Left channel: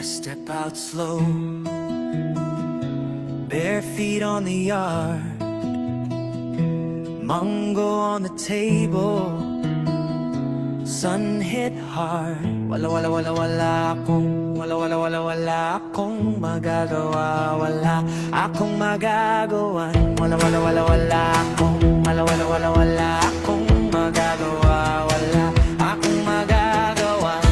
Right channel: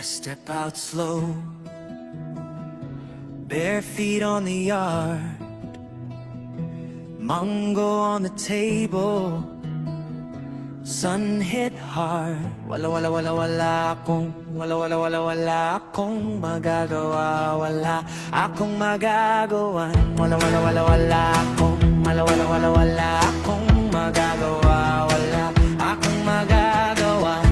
I step out slow, bare feet on the yard, mango on the table, sun hit hard. Wala akong magagawa. Wala akong magagawan. Wala akong magagawa. Wala akong magagawan.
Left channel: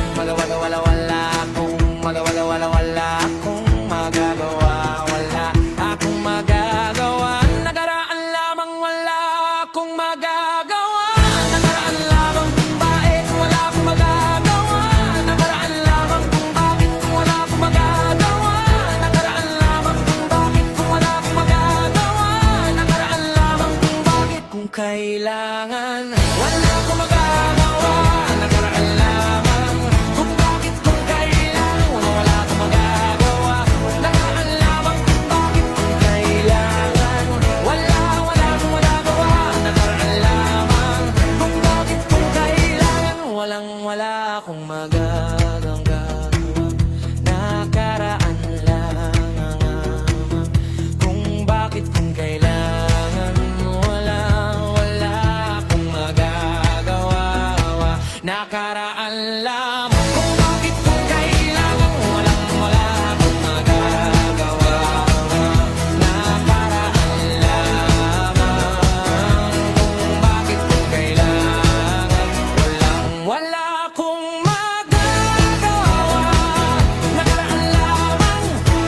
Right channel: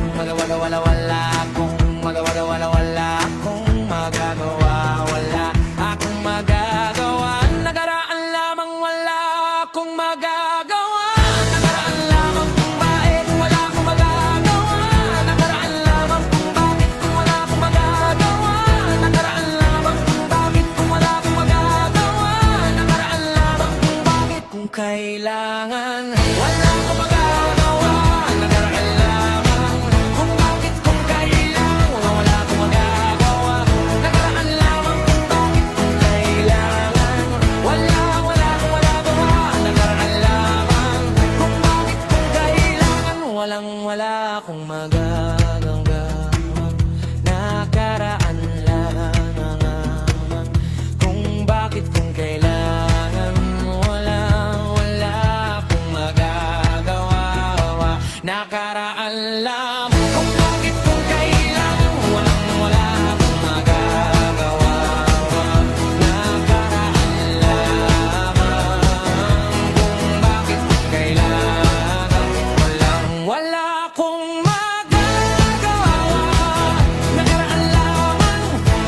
Wala akong magagawa. Wala akong magagawa. Nakaraan lamang wala akong magagawa. Nakaraan lamang kung bakit wala akong magagawa. Nakaraan lamang kung bakit kung wala akong magagawa. Nakaraan lamang kung bakit kung wala akong magagawa. Nakaraan lamang kung bakit kung kailangan wala akong magagawa. Nakaraan lamang kung bakit kung kailangan wala akong magagawa. Nakaraan lamang kung bakit kung kailangan wala akong magagawa. Nakaraan lamang kung bakit kung kailangan wala akong magagawa. Nakaraan lamang kung bakit kung kailangan wala akong magagawa. Nakaraan lamang kung bakit kung kailangan wala akong magagawa. Nakaraan lamang kung bakit kung kailangan wala akong magagawa. Nakaraan lamang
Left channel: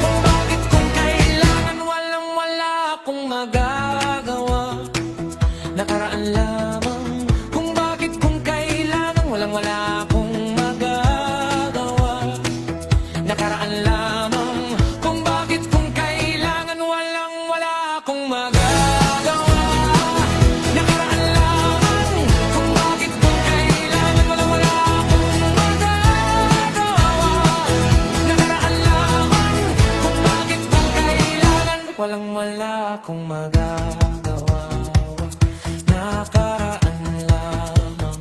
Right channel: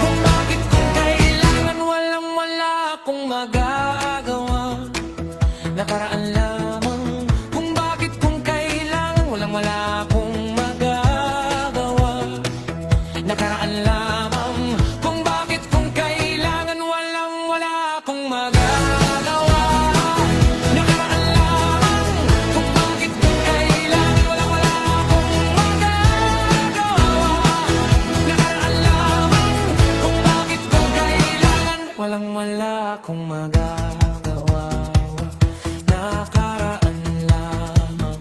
kung bakit kung kailangan wala akong magagawa. Nakaraan lamang kung bakit kung kailangan wala akong magagawa. Nakaraan lamang kung bakit kung kailangan wala akong magagawa. Nakaraan lamang kung bakit kung kailangan wala akong magagawa. Nakaraan lamang kung bakit kung kailangan wala akong magagawa. Nakaraan lamang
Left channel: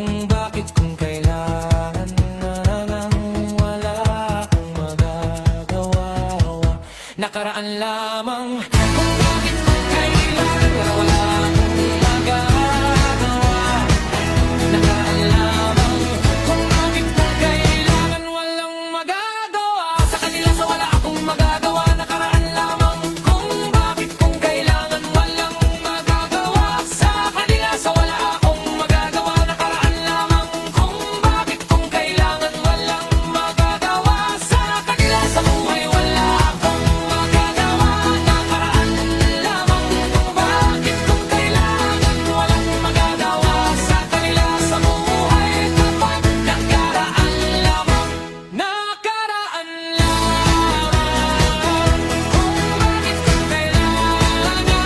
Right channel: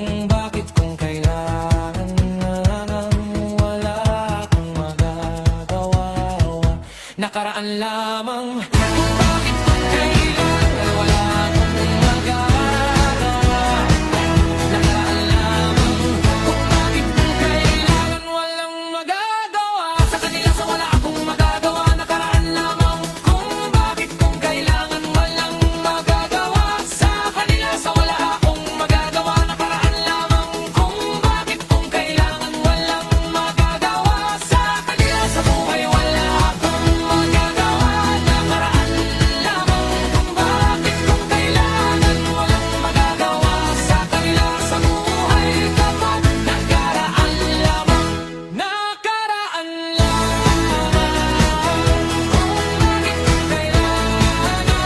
kung bakit kung kailangan wala akong magagawa. Nakaraan lamang kung bakit kung kailangan wala akong magagawa. Nakaraan lamang kung bakit kung kailangan walang magagawa. Sa kanila sa wala akong magagawa. Nakaraan lamang kung bakit kung kailangan walang magagawa. Sa kanila sa wala akong magagawa. Nakaraan lamang kung bakit kung kailangan walang magagawa. Sa kanila sa buhay wala akong magagawa. Nakaraan lamang kung bakit kung kailangan walang magagawa. Sa kanila sa buhay kapag nakaraan lamang. Nakaraan lamang kung bakit kung kailangan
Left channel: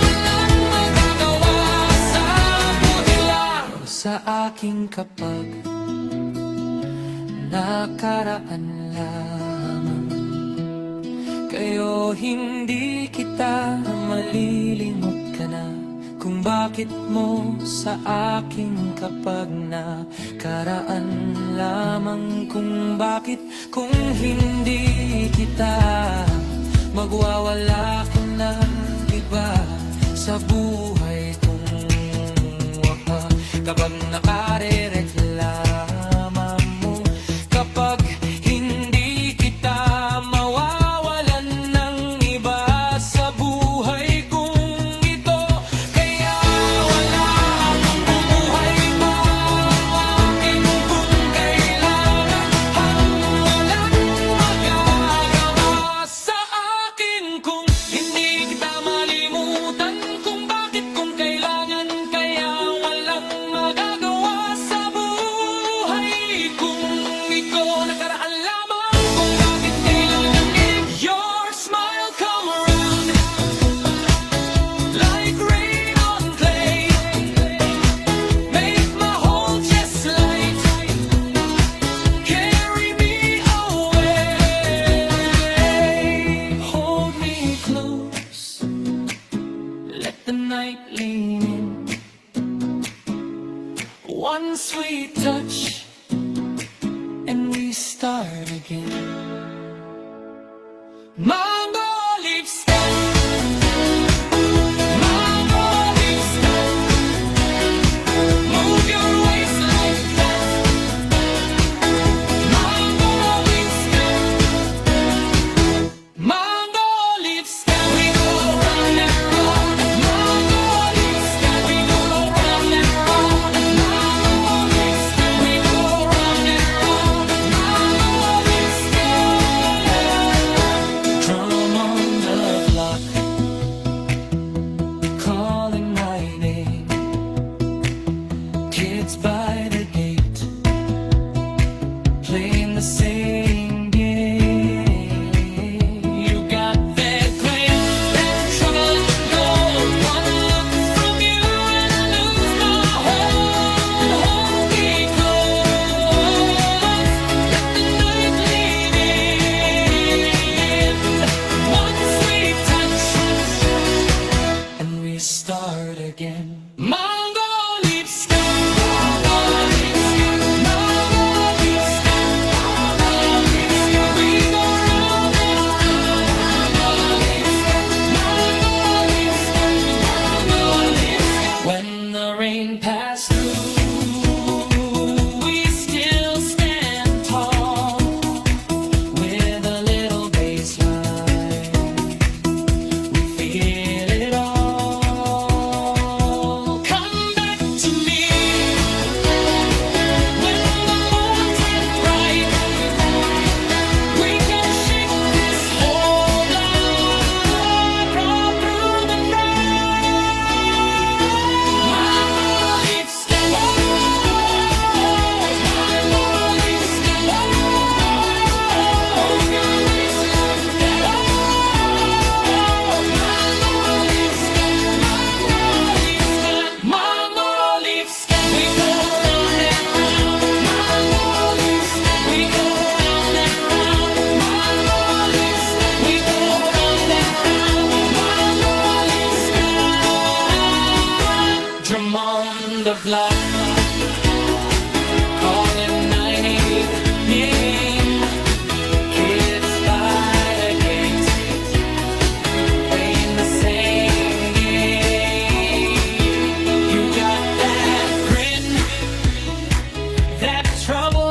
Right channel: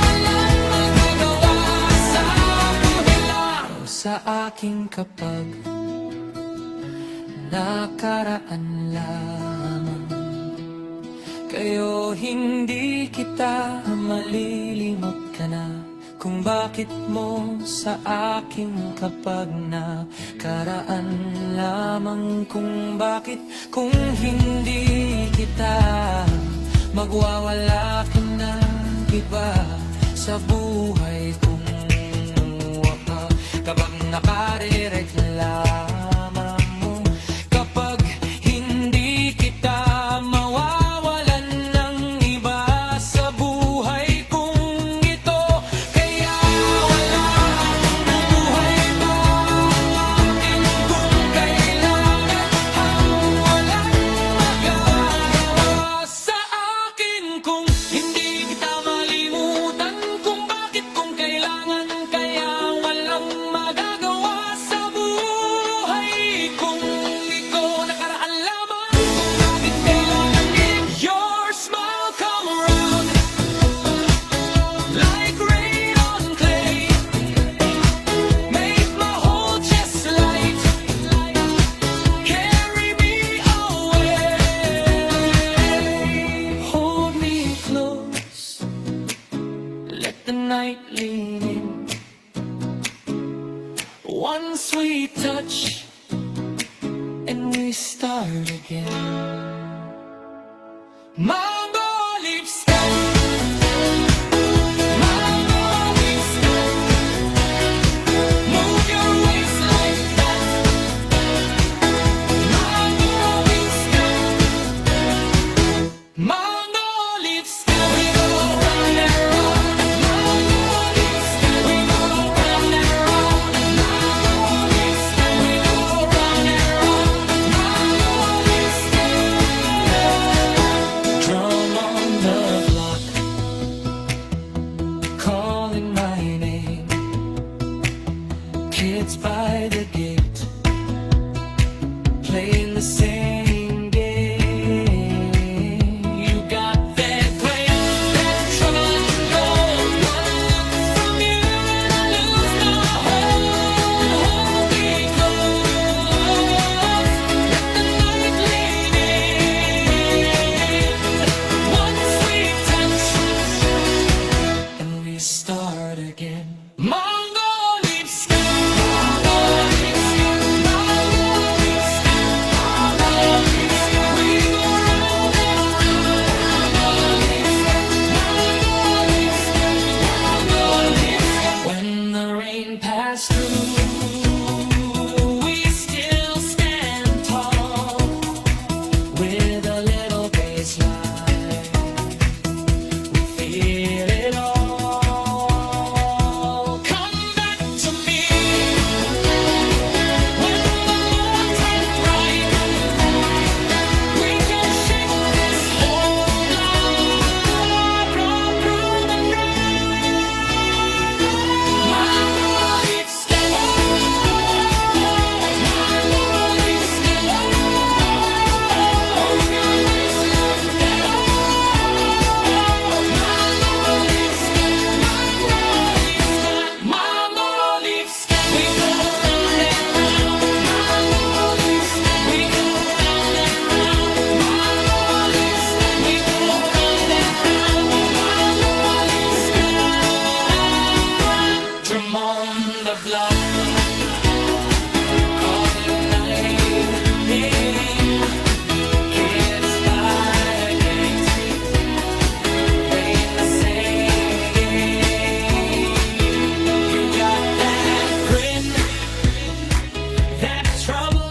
walang magagawa. Sa buhay lang sa aking kapag nakaraan lamang. Kayo hindi kita malilimot ka na kung bakit mo sa aking kapag nakaraan lamang. Kung bakit kung hindi kita magwawala ka na iba sa buhay kong waka. Kapag nakarereklama mo, kapag hindi kita mawawalan ng iba sa buhay kong ito. Kaya wala akong bubuhay pa ang akin kung kailangan walang magagawa sa akin kung hindi kita malimutan. Kung bakit kung kailangan kaya walang magagawa sa buhay kung ikaw. Nakaraan lamang kung bakit kailangan nilig your smile come around like rain on clay. Make my whole chest light, carry me away. Hold me close, let the night lean in. One sweet touch and we start again. Mango leaf sky, mango leaf sky, move your waist like that. Mango leaf sky, mango leaf sky, we go round and round. Mango leaf sky, we go round and round. Mango leaf sky, we go round and round. Mango leaf sky, drum on the block, calling my name. Kids by the gate, playing the same game. You got that grain, that trouble can go. One look from you and I lose my hold. Hold me close, let the night lead in. One sweet touch, and we start again. Mango leaf sky, mango leaf sky, we go round and round. Mango leaf sky, when the rain passed through, we still stand tall with a little baseline. We feel it all. Come back to me when the moon turns bright. We can shake this whole life all through the night. Mango leaves, mango leaves, hold your waist like mango leaves, we go round and round. Mango leaves, we go round and round. Mango leaves, we go round and round. Mango leaves, drum on the block, calling my name, ringing. Kids by the gate, playing the same game. You got that grin, that trouble